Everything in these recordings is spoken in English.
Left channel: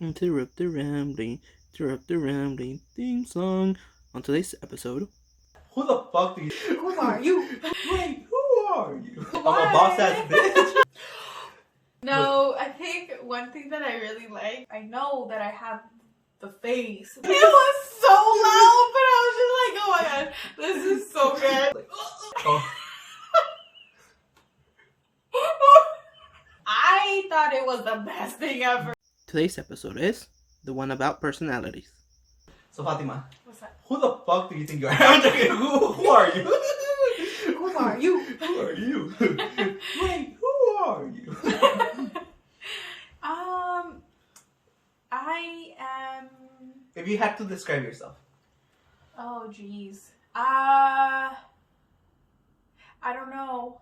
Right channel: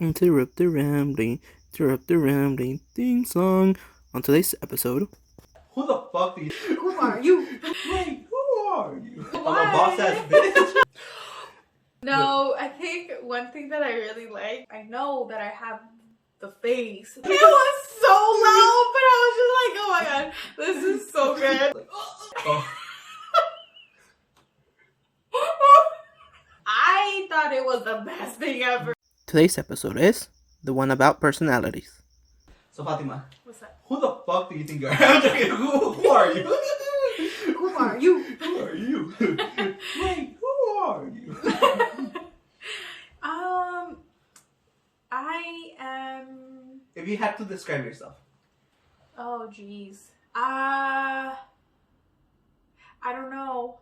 Interrupt the rambling theme song. On today's episode. Who the fuck do you... Who are you? Wait, who are you? Why? I'm a boss-ass bitch. No, I think one thing that I really like, I know that I have the face. It was so loud, but I was just like, oh my god, this is so good. Like, oh. I thought it was the best thing ever. Today's episode is the one about personalities. So Fatima, What's that? who the fuck do you think you are? I'm joking. Who are you? Who are you? Who are you? Wait, who are you? I am... If you had to describe yourself. Oh, jeez. I don't know.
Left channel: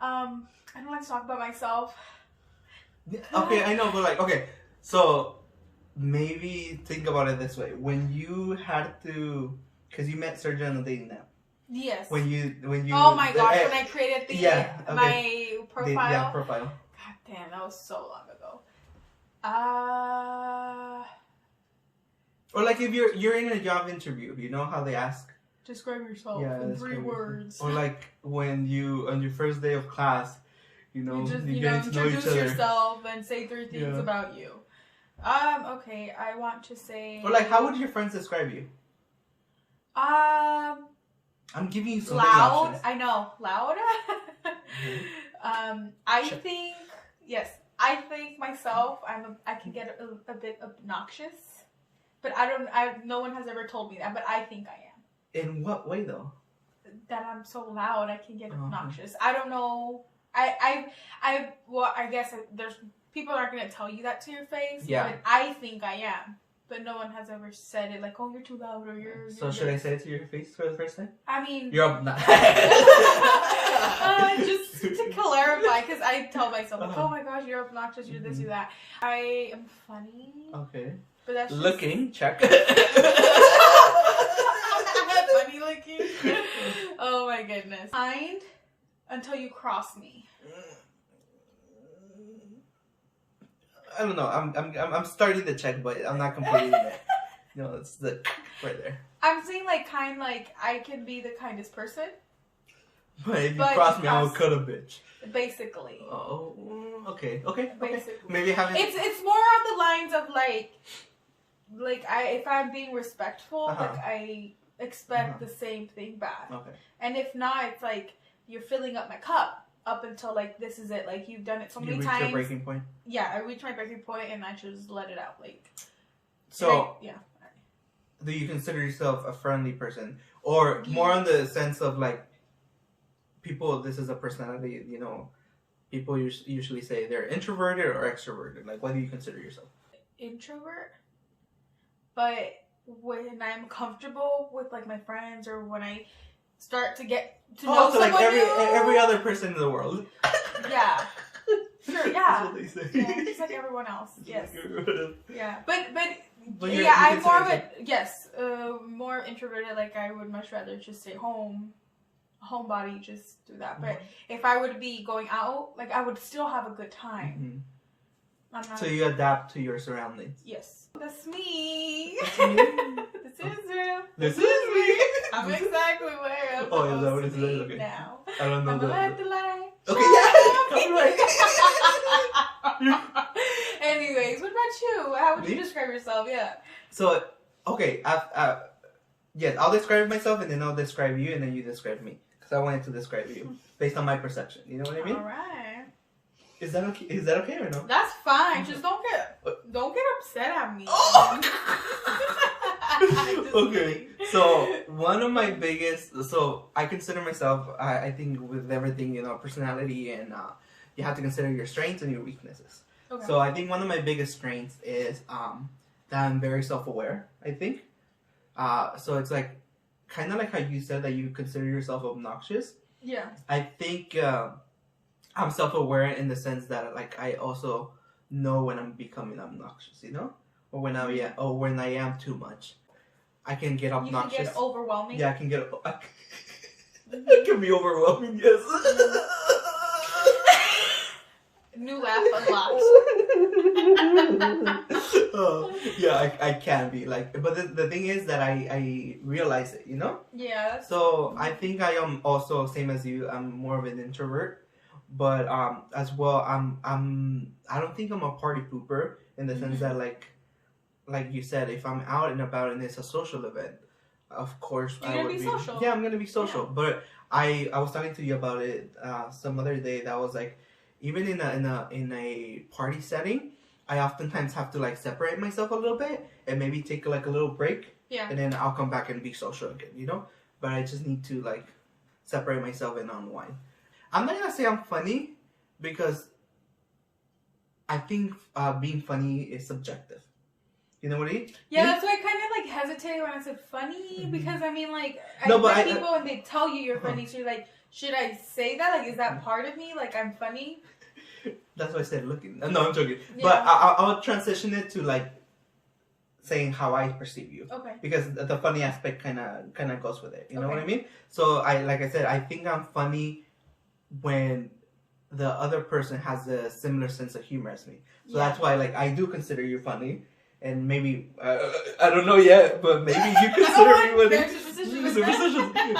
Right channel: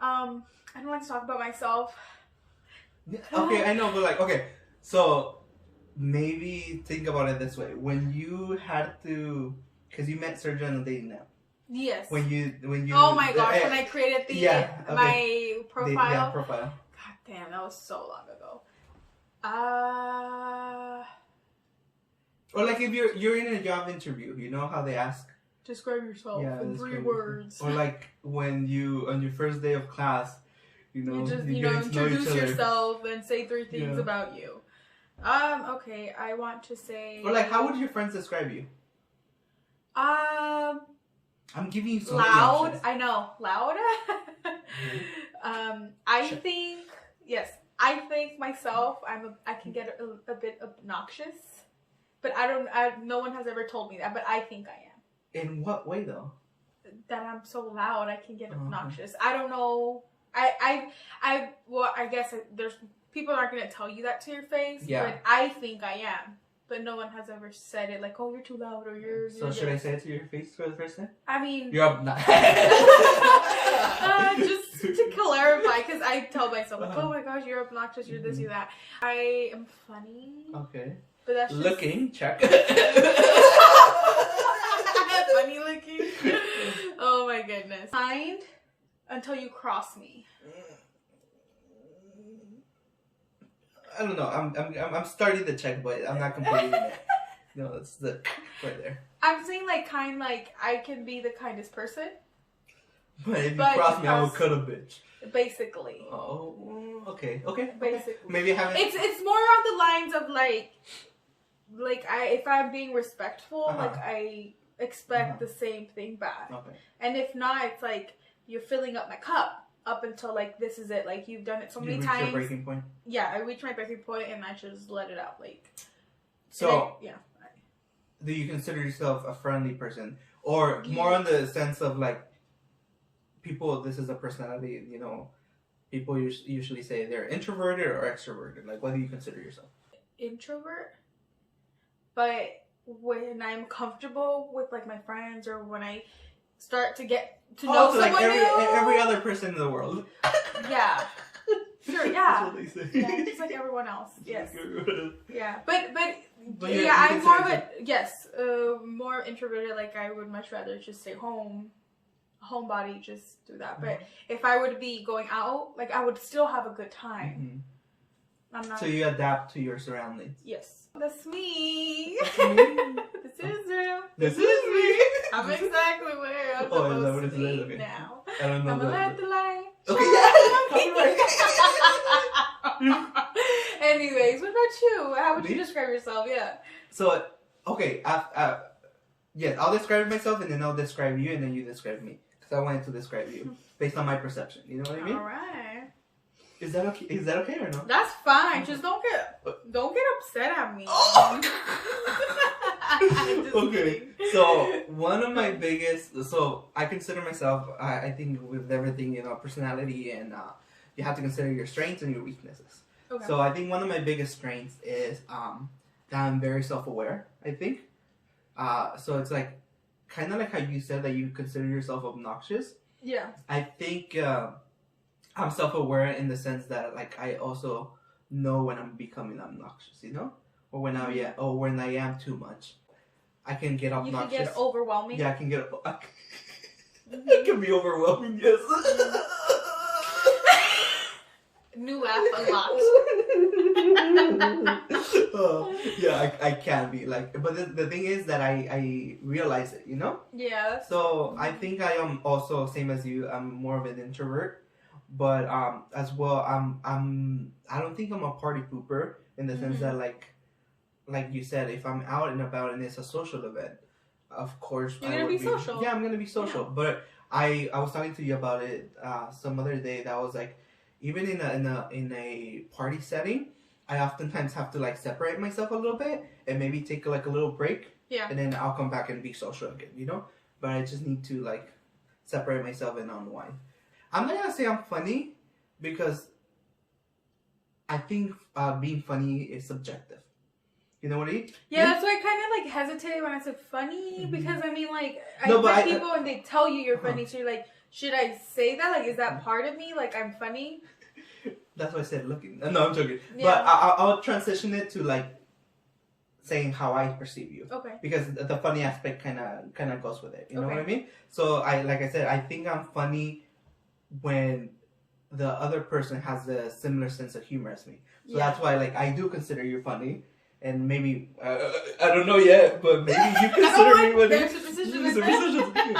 I don't like to talk about myself. Okay, I know, but like, okay, so maybe think about it this way. When you had to, because you met Sergio on a dating app. Yes. When you. Oh my gosh! When I created my profile. Yeah, profile. God damn, that was so long ago. Or like if you're in a job interview, you know how they ask. Describe yourself in 3 words. Or like when you on your first day of class, you know, you get to know each introduce other. yourself and say 3 things about you. Okay, I want to say. Or like, how would your friends describe you? I'm giving you so many loud. options. I know, loud. I think yes. I think myself. I can get a bit obnoxious, but no one has ever told me that. But I think I am. In what way though? That I'm so loud, I can get obnoxious. I don't know. Well, I guess there's people aren't gonna tell you that to your face. Yeah. But I think I am. But no one has ever said it like, oh, you're too loud or you're. So should I say it to your face for the first time? I mean. You're obnoxious. Just to clarify, because I tell myself, like, oh my gosh, you're obnoxious, you're this, you're that. I am funny. Okay. But that's just... Looking, check. Funny looking. Oh my goodness. Kind until you cross me. I don't know. I'm starting to check, but I'm not completing it. No, it's the right there. I'm saying like kind, like I can be the kindest person. But if you cross me, I will cut a bitch. Basically. Oh, okay. Basically. Maybe having. It's more on the lines of like if I'm being respectful, like I expect the same thing back. Okay. And if not, it's like you're filling up my cup up until like this is it. Like you've done it so many times. You reach your breaking point. Yeah, I reach my breaking point and I just let it out. Like. So. Yeah. Do you consider yourself a friendly person, or more on the sense of like? People, this is a personality, you know, people usually say they're introverted or extroverted. Like, what do you consider yourself? Introvert. But when I'm comfortable with, like, my friends or when I start to get to know so someone like new. every other person in the world. Yeah. Sure, yeah. That's what they say. Yeah, just like everyone else. Yes. Yeah. But yeah, I'm more of more introverted. Like, I would much rather just stay home. Homebody, just do that. But if I would be going out, like I would still have a good time. I'm not. So you adapt to your surroundings. Yes, that's me. That's me. This is real. This is me. I'm exactly where I'm is that what supposed it to be okay. now. I don't know. I'm gonna let the light. Okay, yeah. Copyright. Anyways, what about you? How would you describe yourself? Yeah. So okay, yes, I'll describe myself and then I'll describe you and then you describe me. Because I wanted to describe you based on my perception. You know what I mean? Alright. Is that okay? Is that okay or no? That's fine. Just don't get upset at me. Oh! Okay. Kidding. So one of my biggest, so I consider myself, I think with everything, you know, personality and you have to consider your strengths and your weaknesses. Okay. So I think one of my biggest strengths is that I'm very self-aware. I think. So it's like. Kind of like how you said that you consider yourself obnoxious. Yeah. I think I'm self-aware in the sense that like I also know when I'm becoming obnoxious, you know, or when I am too much. I can get obnoxious. You can get overwhelming. Yeah, I can get. It can be overwhelming. Yes. New laugh unlocked. Oh, yeah, I can be like, but the thing is that I realize it, you know. Yeah. So I think I am also same as you. I'm more of an introvert, but as well I don't think I'm a party pooper in the sense that like you said, if I'm out and about and it's a social event, of course You're I gonna would be social. Yeah, I'm gonna be social. Yeah. But I was talking to you about it some other day. That was like, even in a party setting, I oftentimes have to like separate myself a little bit and maybe take like a little break. Yeah. And then I'll come back and be social again, you know. But I just need to like separate myself and unwind. I'm not gonna say I'm funny because I think being funny is subjective. You know what I mean? Yeah, that's why I kind of like hesitated when I said funny, because I mean, like, No, but met people and they tell you you're funny, so you're like, should I say that? Like, is that part of me? Like, I'm funny? That's why I said looking. No, I'm joking. Yeah. But I'll transition it to like saying how I perceive you. Okay. Because the funny aspect kind of goes with it. You know Okay. what I mean? So like I said, I think I'm funny when the other person has a similar sense of humor as me. So that's why like I do consider you funny. And maybe I don't know yet, but maybe you consider me when there's a position.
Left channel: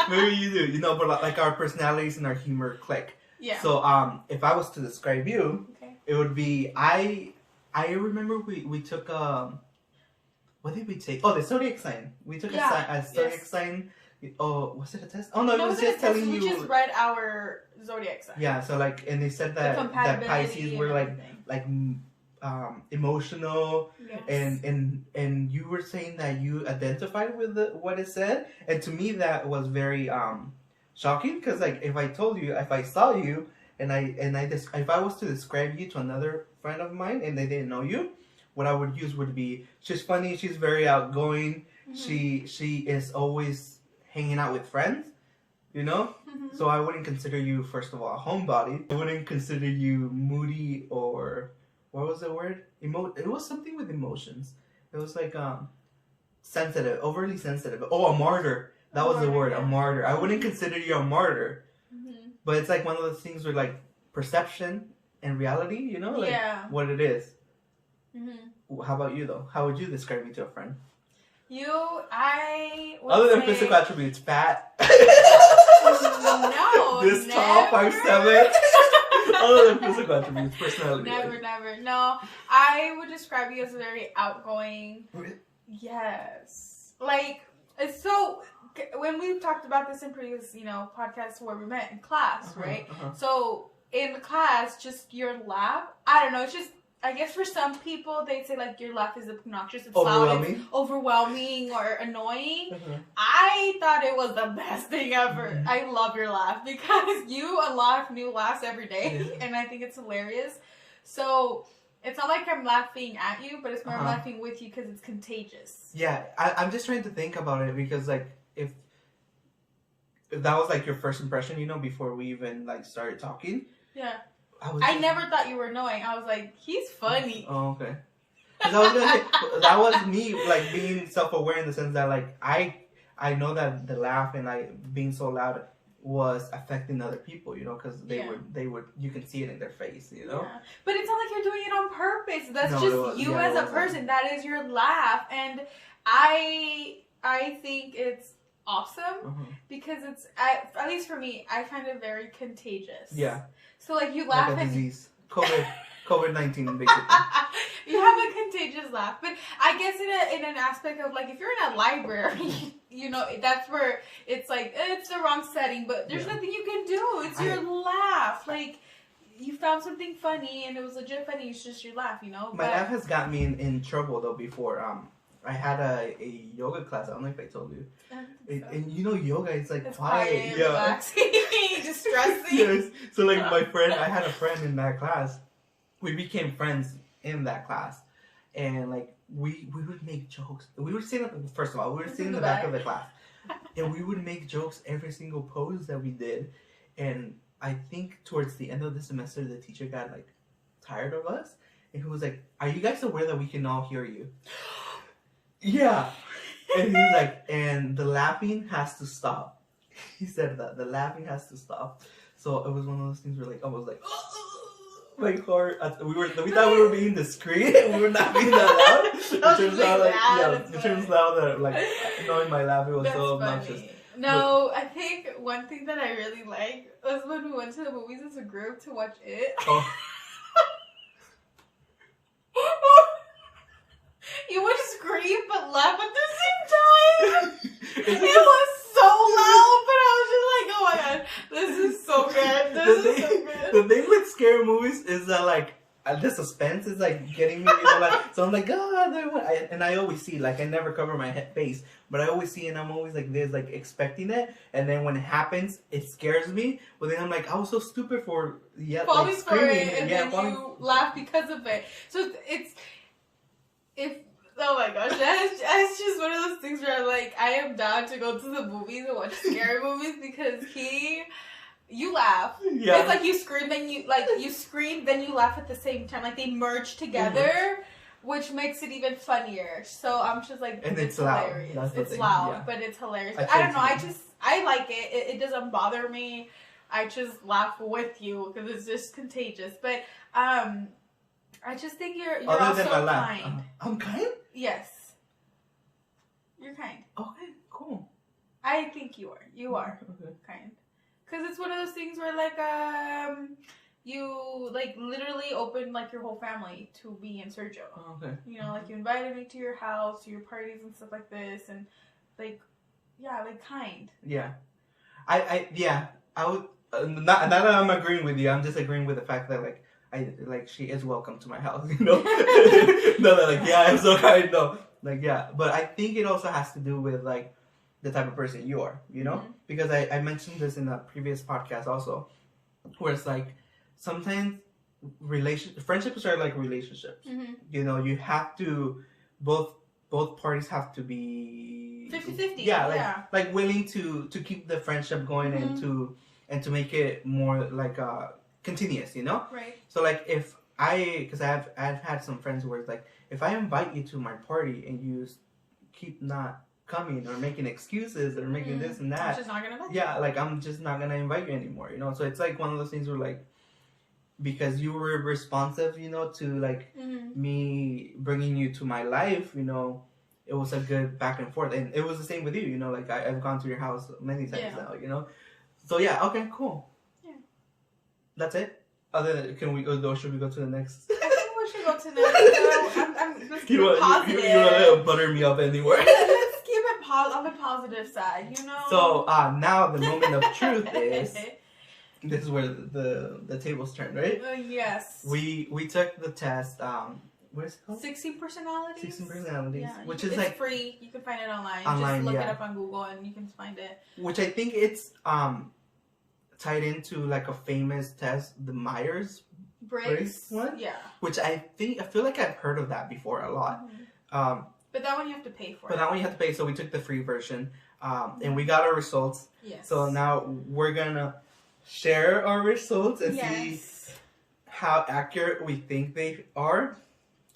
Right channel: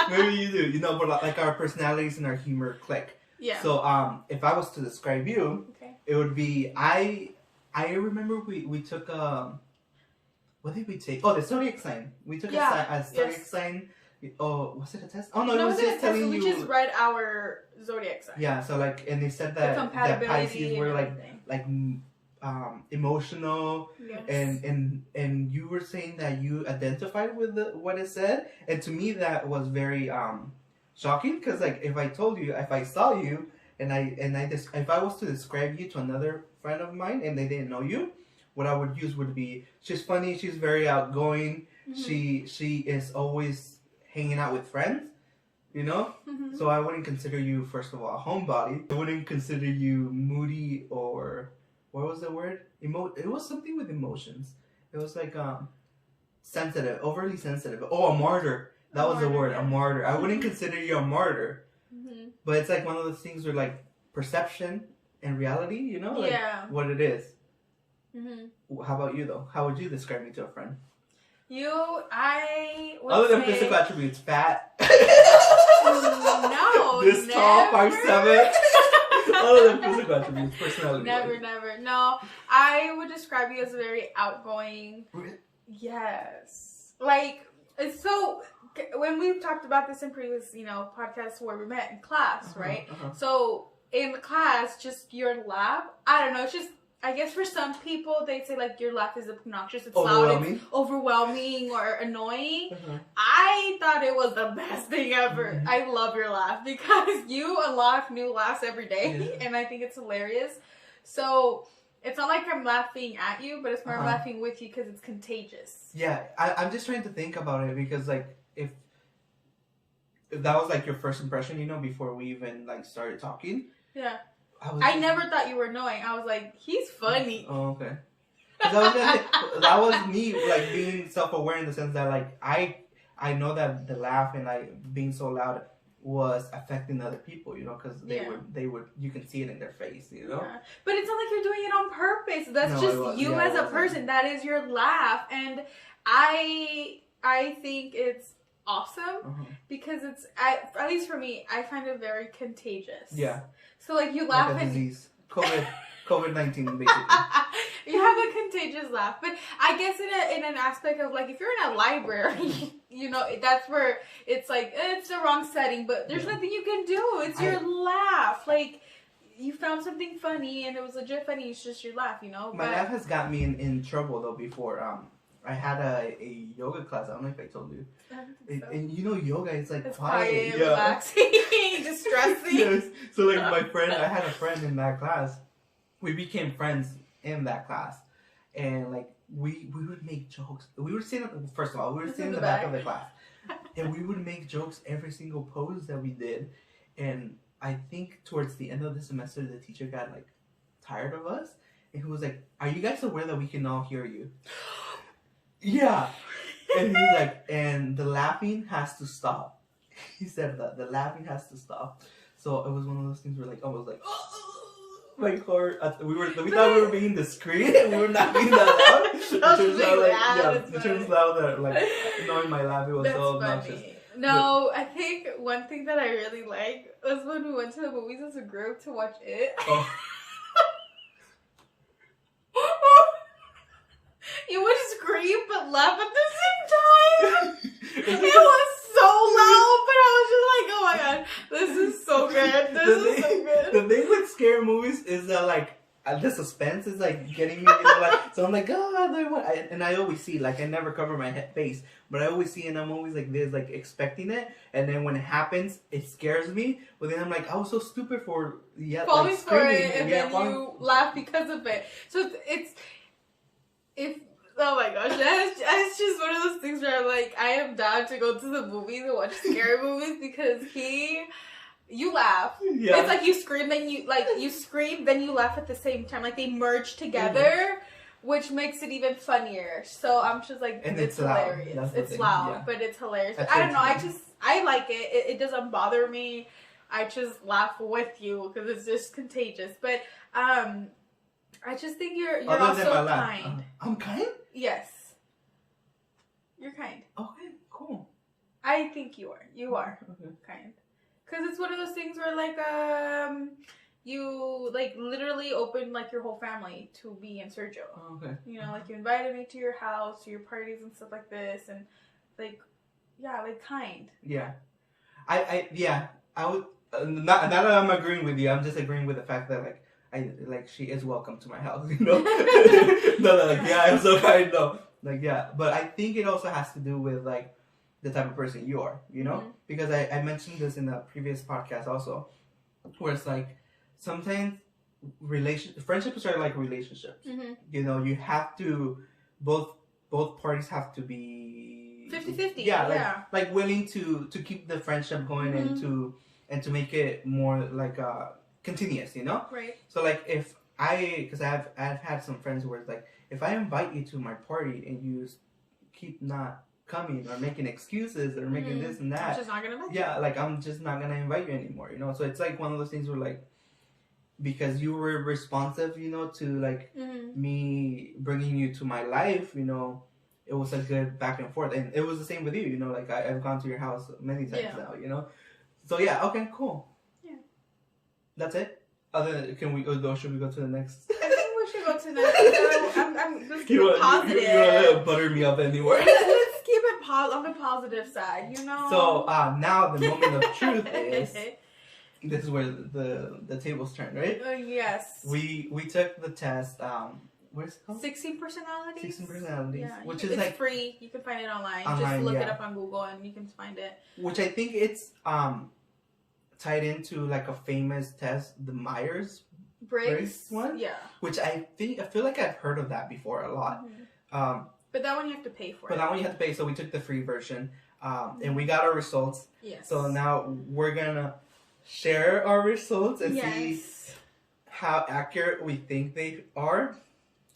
Maybe you do, you know. But like our personalities and our humor click. Yeah. So if I was to describe you, it would be I remember we took what did we take? Oh, the zodiac sign. We took a zodiac sign. Oh, was it a test? Oh no, it was just telling you. We just read our zodiac sign. Yeah, so like, and they said that Pisces were like emotional, yes. and you were saying that you identified with what it said, and to me that was very shocking, because like if I saw you and if I was to describe you to another friend of mine and they didn't know you, what I would use would be, she's funny, she's very outgoing, she is always hanging out with friends, you know. So I wouldn't consider you, first of all, a homebody. I wouldn't consider you moody, or what was the word? It was something with emotions. It was like sensitive, overly sensitive. Oh, a martyr. That was the word, a martyr. I wouldn't consider you a martyr. But it's like one of those things where like perception and reality, you know, like what it is. How about you though? How would you describe me to a friend? Other than physical attributes, fat. No. This tall, 5'7". Other than physical attributes, personality. Never. No, I would describe you as very outgoing. Yes. Like, so when we've talked about this in previous, podcasts where we met in class, right? So in class, just your laugh, I don't know, it's just, I guess for some people, they'd say like your laugh is obnoxious, it's loud, it's overwhelming or annoying. I thought it was the best thing ever. I love your laugh because you unlock new laughs every day, and I think it's hilarious. So it's not like I'm laughing at you, but it's more I'm laughing with you because it's contagious. Yeah, I'm just trying to think about it, because like if that was like your first impression, before we even like started talking. Yeah. I never thought you were annoying. I was like, he's funny. Oh, okay. That was me like being self-aware in the sense that like I know that the laugh and like being so loud was affecting other people, because they would you can see it in their face, Yeah. But it's not like you're doing it on purpose. That's just you as a person. That is your laugh, and I think it's awesome because it's at least for me, I find it very contagious. Yeah. So like you laugh like a disease, COVID-19 basically. You have a contagious laugh, but I guess in an aspect of like if you're in a library, that's where it's like it's the wrong setting, but there's nothing you can do. It's your laugh. Like you found something funny and it was legit funny. It's just your laugh, My laugh has got me in trouble though before. I had a yoga class. I don't know if I told you. And yoga is like it's quiet, relaxing, distressing. Yes. So like I had a friend in that class. We became friends in that class, and like we would make jokes. We were sitting in the back of the class, and we would make jokes every single pose that we did. And I think towards the end of the semester, the teacher got like tired of us, and he was like, "Are you guys aware that we can all hear you?" Yeah. And he's like, and the laughing has to stop. He said that the laughing has to stop. So it was one of those things where like I was like, like horror. We thought we were being discreet. We were not being that loud. It turns out it turns out that like knowing my laugh, it was so obnoxious. Funny. No, I think one thing that I really liked was when we went to the movies as a group to watch it. Oh. You would scream but laugh at the same time. It was so loud, but I was just like, oh my god, this is so good. The thing with scary movies is that like the suspense is like getting me, like so I'm like, oh, and I always see like I never cover my face, but I always see in movies like this, like expecting it, and then when it happens, it scares me. But then I'm like, I was so stupid for falling like, screaming, for it, and then falling. you laugh because of it. So oh my gosh, that's just one of those things where I'm like, I am down to go to the movies and watch scary movies because you laugh. Yeah. It's like you scream, then you scream, then you laugh at the same time. Like they merge together, which makes it even funnier. So I'm just like, and it's hilarious. It's loud, but it's hilarious. I don't know. I like it. It doesn't bother me. I just laugh with you because it's just contagious. But I just think you're Other also than my laugh. kind. I'm kind? Yes. You're kind. Okay, cool. I think you are. You are kind. Because it's one of those things where, like, you, like, literally opened, like, your whole family to be in Sergio. Oh, okay. You know, like, you invited me to your house, to your parties and stuff like this. And, like, yeah, like, kind. Yeah. I would, not that I'm agreeing with you, I'm just agreeing with the fact that, like, she is welcome to my house, you know? No, like, yeah, I'm so kind, no. Like, yeah. But I think it also has to do with, like, the type of person you are, you know? Because I mentioned this in a previous podcast also, where it's like, sometimes friendships are like relationships. You know, you have to, both parties have to be 50-50. Yeah, like willing to keep the friendship going and to make it more like continuous, you know? Right. So like because I've had some friends where it's like, if I invite you to my party and you keep not coming or making excuses or making this and that, I'm just not gonna invite you. Yeah, like I'm just not gonna invite you anymore, you know? So it's like one of those things where like, because you were responsive, you know, to like me bringing you to my life, you know, it was a good back and forth. And it was the same with you, you know, like I've gone to your house many times now, you know? So yeah, okay, cool. Yeah. That's it? Should we go to the next? I think we should go to the next. I'm just keep it positive. You want to butter me up anywhere. Let's keep it on the positive side, you know? So now the moment of truth is, this is where the tables turn, right? Yes. We took the test, what is it called? 16 personalities. 16 personalities, yeah, which is it's like free. You can find it online. Just look it up on Google and you can find it. Which I think it's tied into like a famous test, the Myers-Briggs one. Yeah. Which I feel like I've heard of that before a lot. But that one you have to pay for. But that one you have to pay. So we took the free version, and we got our results. Yes. So now we're gonna share our results and see how accurate we think they are.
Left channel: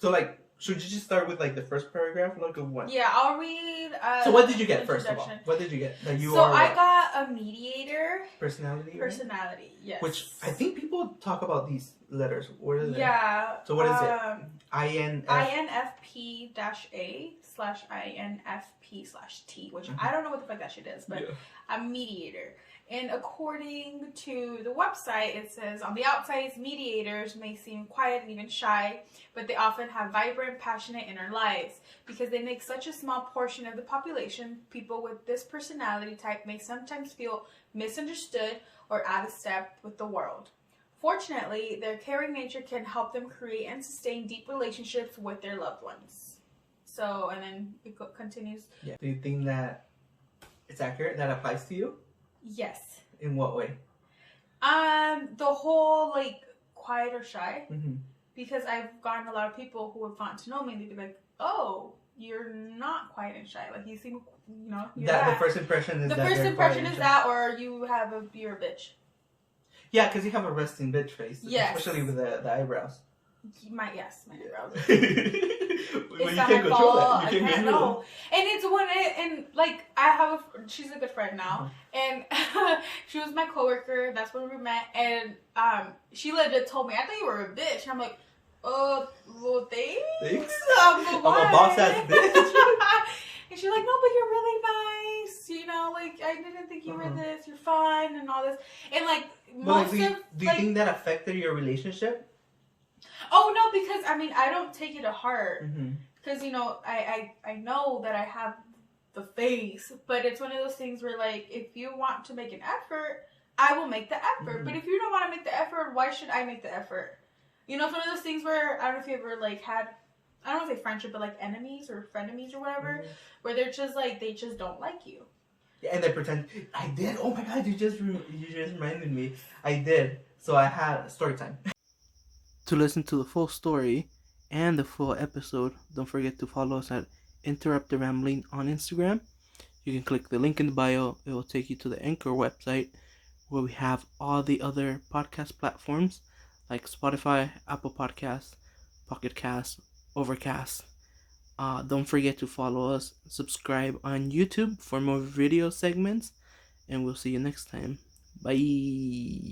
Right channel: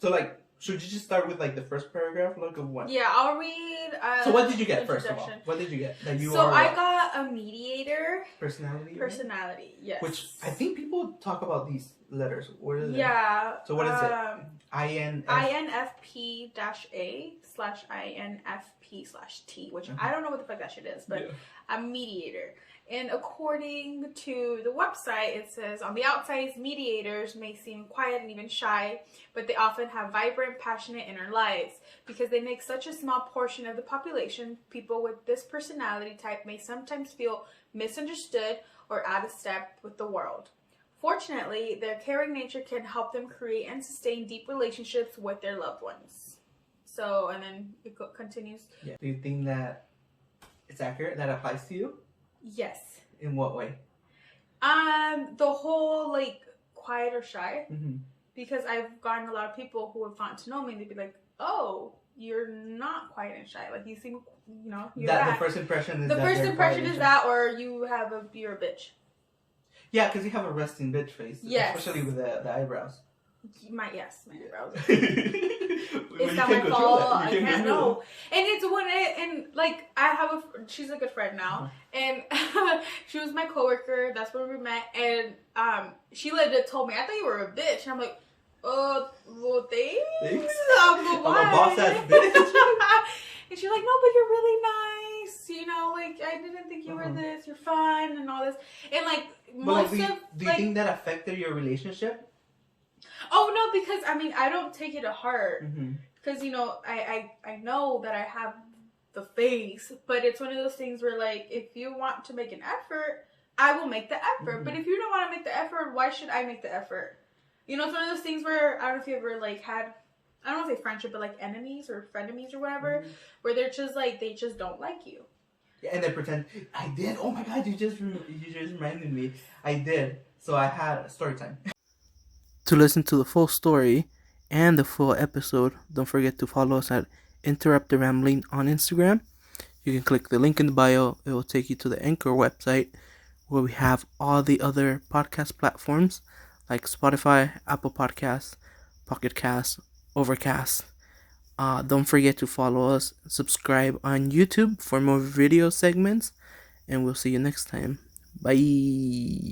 So like, should you just start with like the first paragraph, like of what? Yeah, I'll read. So what did you get first of all? What did you get? That you are. So I got a mediator. Personality. Personality. Yes. Which I think people talk about these letters. What is it? Yeah. So what is it? INFP-A/INFP/T, which I don't know what the fuck that shit is, but a mediator. And according to the website, it says, on the outside, mediators may seem quiet and even shy, but they often have vibrant, passionate inner lives. Because they make such a small portion of the population, people with this personality type may sometimes feel misunderstood or out of step with the world. Fortunately, their caring nature can help them create and sustain deep relationships with their loved ones. So, and then it continues. Yeah. Do you think that it's accurate? That applies to you? Yes. In what way? The whole like quiet or shy. Because I've gotten a lot of people who have gotten to know me, and they'd be like, "Oh, you're not quiet and shy. Like you seem, you know." The first impression is the first impression is that, or you're a bitch. Yeah, because you have a resting bitch face. Yes. Especially with the eyebrows. My eyebrows. Well, you can't control that. You can't control And it's when and like I have she's a good friend now, and she was my coworker. That's when we met, and she legit told me, "I thought you were a bitch." And I'm like, well, thanks. I'm a boss ass bitch. And she's like, "No, but you're really nice. You know, like I didn't think you were this. You're fun and all this." And like do you think that affected your relationship? Oh no, because I mean I don't take it to heart. Because, you know, I know that I have the face, but it's one of those things where, like, if you want to make an effort, I will make the effort. But if you don't want to make the effort, why should I make the effort? You know, it's one of those things where, I don't know if you ever, like, had, I don't want to say friendship, but, like, enemies or frenemies or whatever, where they're just, like, they just don't like you. Yeah, and they pretend, I did. Oh, my God, you just reminded me. I did. So I had story time. To listen to the full story and the full episode, don't forget to follow us at Interrupt the Rambling on Instagram. You can click the link in the bio. It will take you to the Anchor website where we have all the other podcast platforms like Spotify, Apple Podcasts, Pocket Casts, Overcast. Don't forget to follow us, subscribe on YouTube for more video segments, and we'll see you next time. Bye.